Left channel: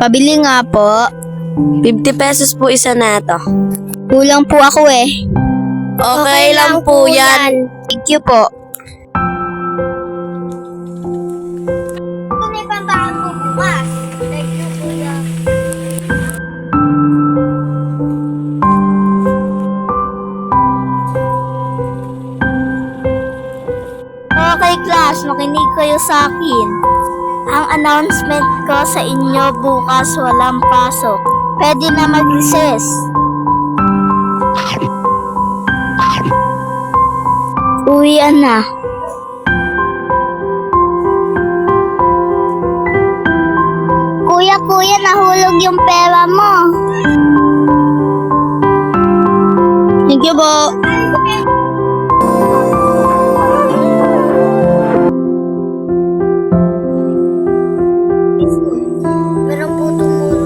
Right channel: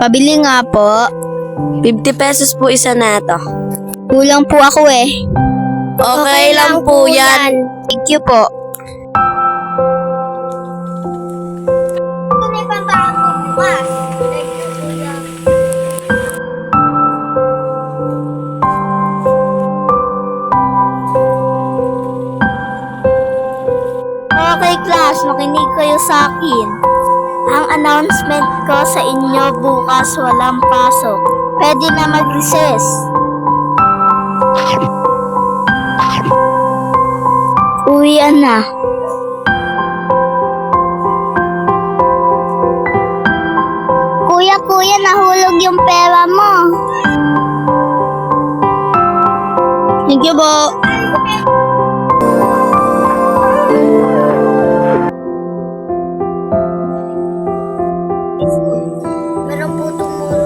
Pabili nga po. 50 pesos po isa na to. Kulang po ako eh. Okay lang po yan. Thank you po. Ito na yung pambahan ko bukas. Thank you, kuya. Okay, class. Makinig kayo sa akin. Ang announcement ko sa inyo bukas walang pasok. Pwede na mag-recess. Uwian na. Kuya, nahulog yung pera mo. Thank you po. Meron po tumulong